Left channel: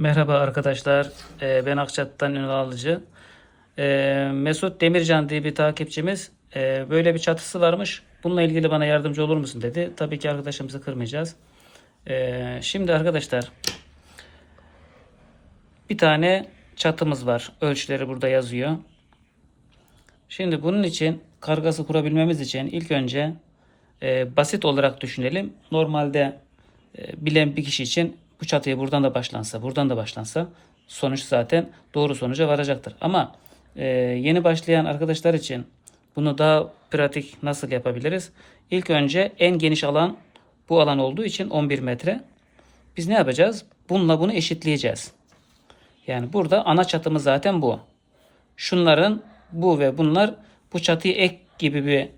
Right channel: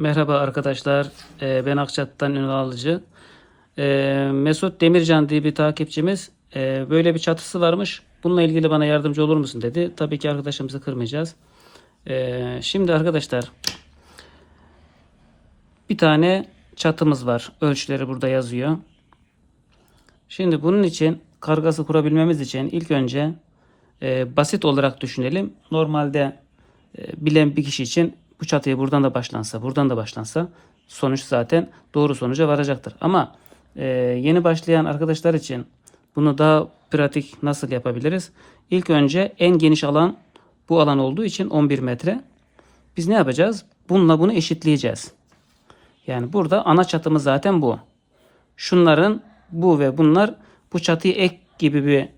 Merhaba arkadaşlar. Ee, ben Akçat'tan Ünal Alıcı. Ee, Mesut Demircan diye bir takipçimiz e, böyle bir çatısı varmış. Bununla ilgili bana yardımcı olur musun dedi. Tabii ki arkadaşımızı kırmayacağız. Ee, şimdi arkadaşlar bir tane çatımız var. Ölçüleri burada yazıyor. Şimdi bunun için kargası kurabilmemiz için ilk önce basit olarak düşünelim. Normalde bilen bir kişi için bu çatıya buradan da başlansa, buradan da başlansa sonuç zaten doğru sonuca varacaktır. Ama e, yeni başlayan arkadaşlar için bunu daha pratik nasıl yapabiliriz? İlk önce en geniş alan bu alan olduğu için 11 metre. Biz ne yapacağız? Bununla bunu eşitleyeceğiz. Yani burada ana çatımız zaten bu. Şunların bu ve bunlar bu çatıyı ek gibi bir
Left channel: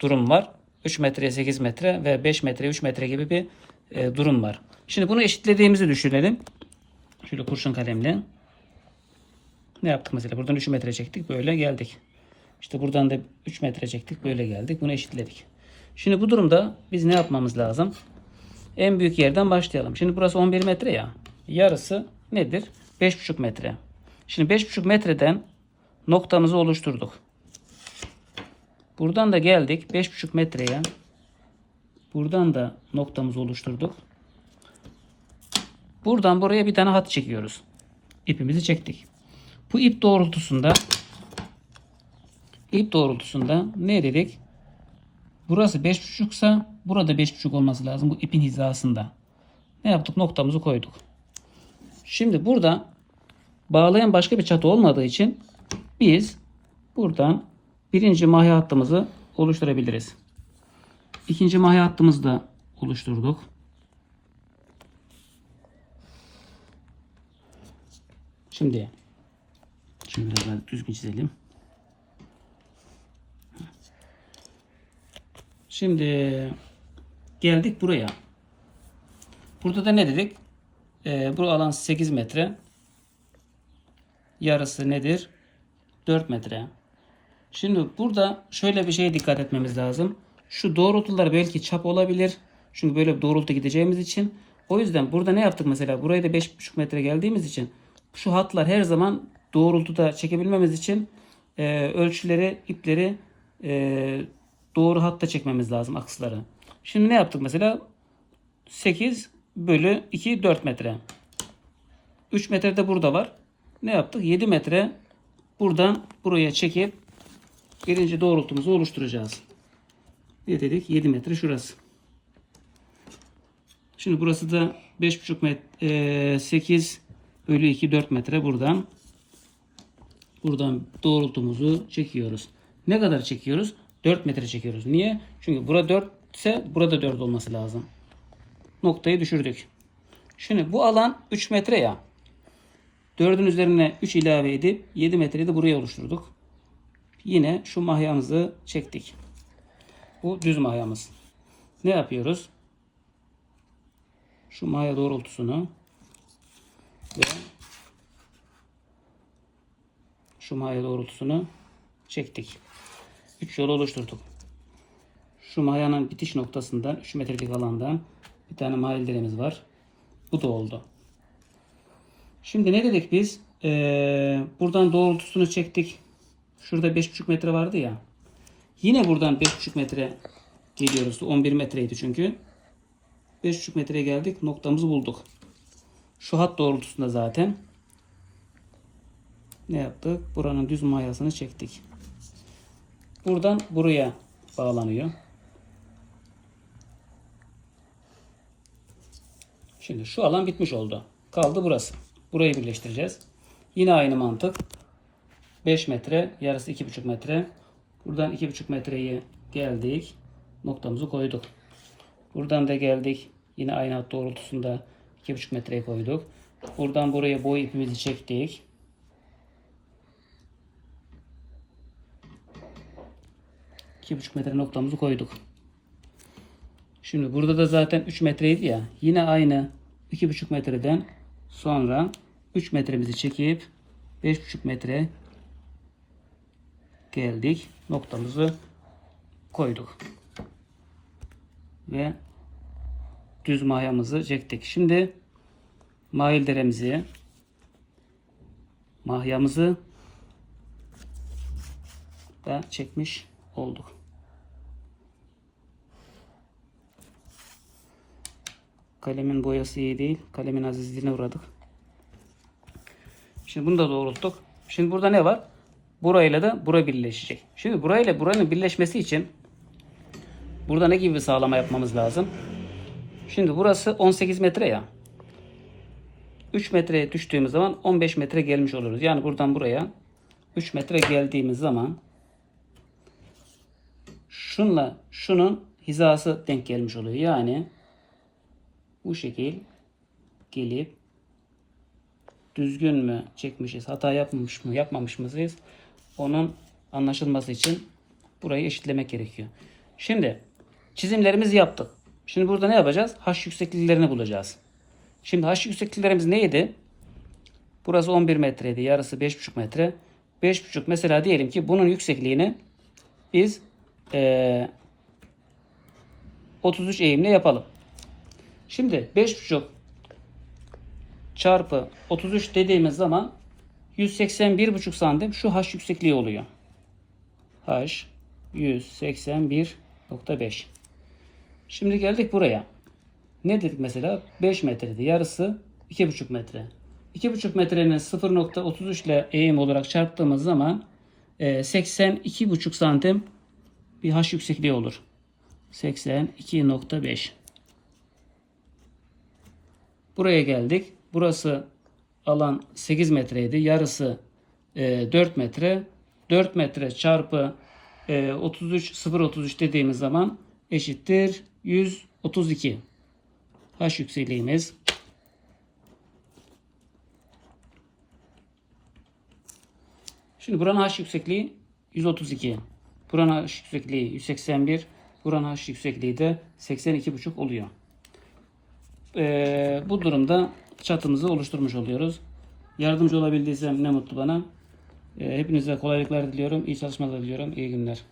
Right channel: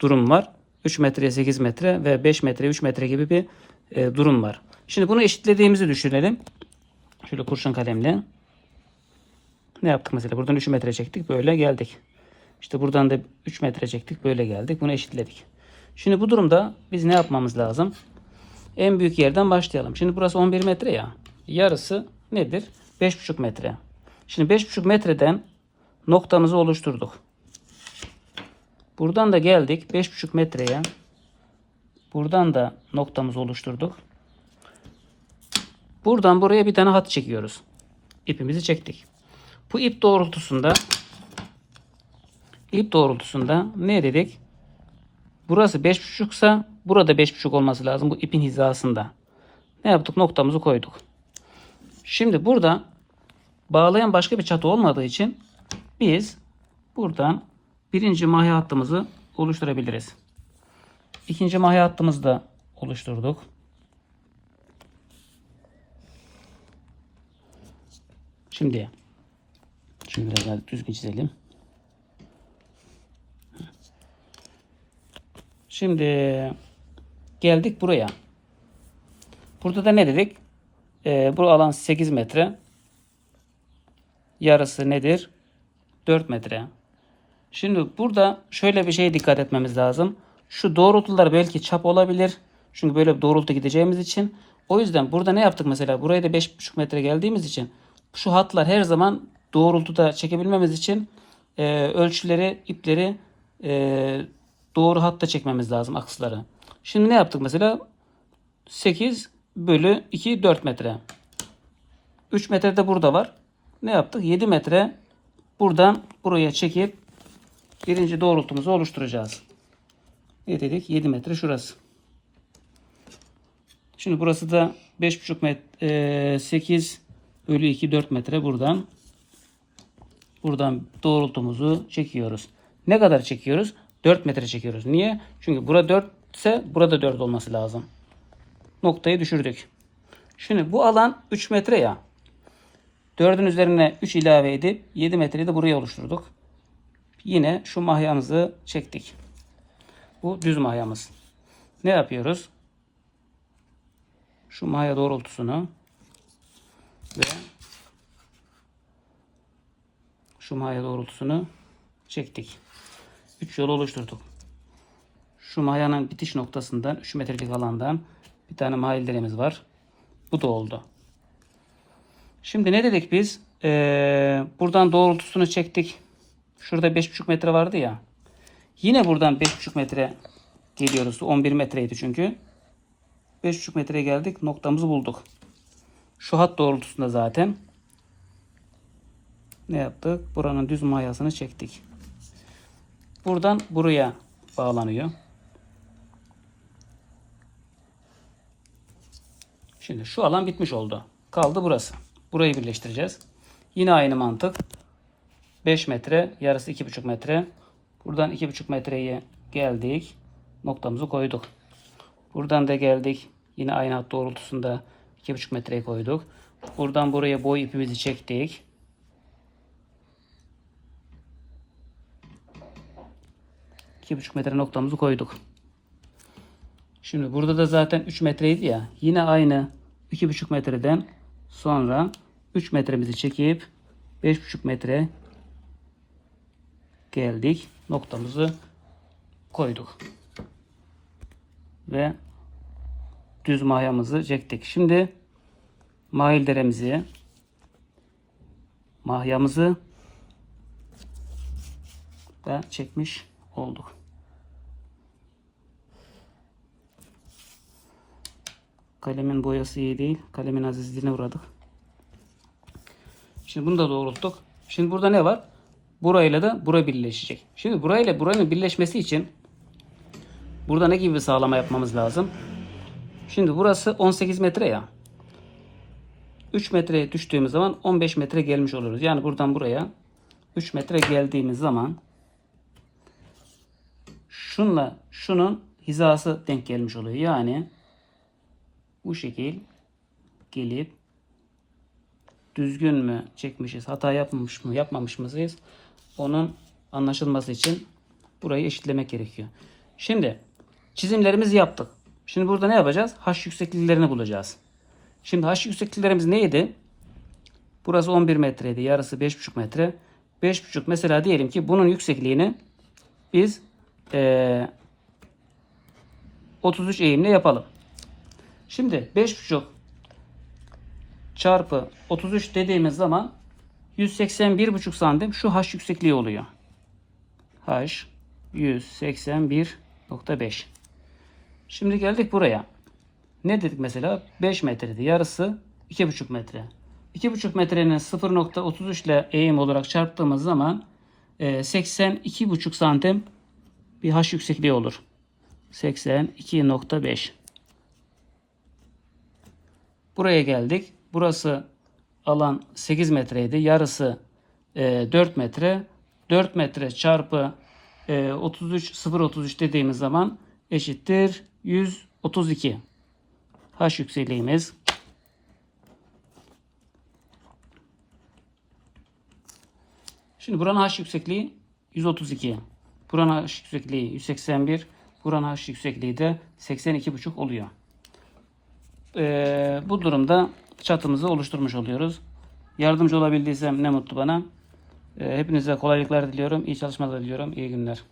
durum var. 3 metre 8 metre ve 5 metre 3 metre gibi bir e, durum var. Şimdi bunu eşitlediğimizi düşünelim. Şöyle kurşun kalemle. Ne yaptık mesela? Buradan 3 metre çektik. Böyle geldik. İşte buradan da 3 metre çektik. Böyle geldik. Bunu eşitledik. Şimdi bu durumda biz ne yapmamız lazım? En büyük yerden başlayalım. Şimdi burası 11 metre ya. Yarısı nedir? 5,5 metre. Şimdi 5,5 metreden noktamızı oluşturduk. Buradan da geldik 5,5 metreye. Buradan da noktamızı oluşturduk. Buradan buraya bir tane hat çekiyoruz. İpimizi çektik. Bu ip doğrultusunda ip doğrultusunda ne dedik? Burası 5,5 ise burada 5,5 olması lazım bu ipin hizasında. Ne yaptık? Noktamızı koyduk. Şimdi burada bağlayan başka bir çatı olmadığı için biz buradan birinci mahya hattımızı oluşturabiliriz. İkinci mahya hattımızı da oluşturduk. Şimdi şimdi biraz daha düzgün çizelim. Şimdi geldik buraya. Burada da ne dedik? Ee, bu alan 8 metre. Yarısı nedir? 4 metre. Şimdi burada şöyle bir şeye dikkat etmemiz lazım. Şu doğrultular belki çap olabilir. Çünkü böyle bir doğrultu gideceğimiz için. O yüzden burada ne yaptık mesela? Buraya da 5,5 metre geldiğimiz için şu hatlar her zaman doğrultuda çekebilmemiz için e, ölçüleri, ipleri e, doğru hatta çekmemiz lazım aksları. Şimdi ne yaptık mesela? 8 bölü 2 4 metre. 3 metre de burada var. Ne yaptık? 7 metre buradan buraya çekip birinci doğrultumuzu oluşturacağız. Ne dedik? 7 metre şurası. Şimdi burası da 5,5 metre 8 bölü 2 4 metre buradan. Buradan doğrultumuzu çekiyoruz. Ne kadar çekiyoruz? 4 metre çekiyoruz. Niye? Çünkü burada 4 ise burada 4 olması lazım. Noktayı düşürdük. Şimdi bu alan 3 metre ya. 4'ün üzerine 3 ilave edip 7 metreyi de buraya oluşturduk. Yine şu mahyamızı çektik. Bu düz mahyamız. Ne yapıyoruz? Şu mahya doğrultusunu ve şu mahya doğrultusunu çektik. 3 yol oluşturduk. Şu mayanın bitiş noktasından 3 metrelik alandan bir tane mahillerimiz var. Bu da oldu. Şimdi ne dedik biz? Ee, buradan doğrultusunu çektik. Şurada 5,5 metre vardı ya. Yine buradan 5,5 metre geliyoruz. 11 metreydi çünkü. 5,5 metreye geldik. Noktamızı bulduk. Şu hat doğrultusunda zaten. Ne yaptık? Buranın düz mayasını çektik. Buradan buraya bağlanıyor. Şimdi şu alan bitmiş oldu. Kaldı burası. Burayı birleştireceğiz. Yine aynı mantık. 5 metre, yarısı 2,5 metre. Buradan 2,5 metreye geldik. Noktamızı koyduk. Buradan da geldik. Yine aynı hat doğrultusunda 2,5 metreyi koyduk. Buradan buraya boy ipimizi çektik. İki buçuk metre noktamızı koyduk. Şimdi burada da zaten 3 metreydi ya. Yine aynı 2,5 metreden sonra 3 metremizi çekip 5,5 metre geldik. Noktamızı koyduk. Ve düz mahyamızı çektik. Şimdi mahil deremizi mahyamızı da çekmiş olduk. Kalemin boyası iyi değil. Kalemin azizliğine uğradık. Şimdi bunu da doğrulttuk. Şimdi burada ne var? Burayla da bura birleşecek. Şimdi burayla buranın birleşmesi için burada ne gibi bir sağlama yapmamız lazım? Şimdi burası 18 metre ya. 3 metreye düştüğümüz zaman 15 metre gelmiş oluruz. Yani buradan buraya 3 metre geldiğimiz zaman şunla şunun hizası denk gelmiş oluyor. Yani bu şekil gelip düzgün mü çekmişiz, hata yapmamış mı, yapmamış mıyız? Onun anlaşılması için burayı eşitlemek gerekiyor. Şimdi çizimlerimizi yaptık. Şimdi burada ne yapacağız? H yüksekliklerini bulacağız. Şimdi H yüksekliklerimiz neydi? Burası 11 metreydi. Yarısı 5,5 metre. 5,5 mesela diyelim ki bunun yüksekliğini biz eee 33 eğimle yapalım. Şimdi 5,5 çarpı 33 dediğimiz zaman 181,5 santim şu h yüksekliği oluyor. h 181.5 Şimdi geldik buraya. Ne dedik mesela? 5 metreydi. Yarısı 2,5 metre. 2,5 metrenin 0.33 ile eğim olarak çarptığımız zaman e, 82,5 santim bir h yüksekliği olur. 82.5 Buraya geldik. Burası alan 8 metreydi. Yarısı e, 4 metre. 4 metre çarpı e, 33 0.33 dediğimiz zaman eşittir 132. H yüksekliğimiz Şimdi buranın H yüksekliği 132. Buranın H yüksekliği 181. Buranın H yüksekliği de 82,5 oluyor. Ee, bu durumda çatımızı oluşturmuş oluyoruz. Yardımcı olabildiysem ne mutlu bana. Ee, hepinize kolaylıklar diliyorum. İyi çalışmalar diliyorum. İyi günler.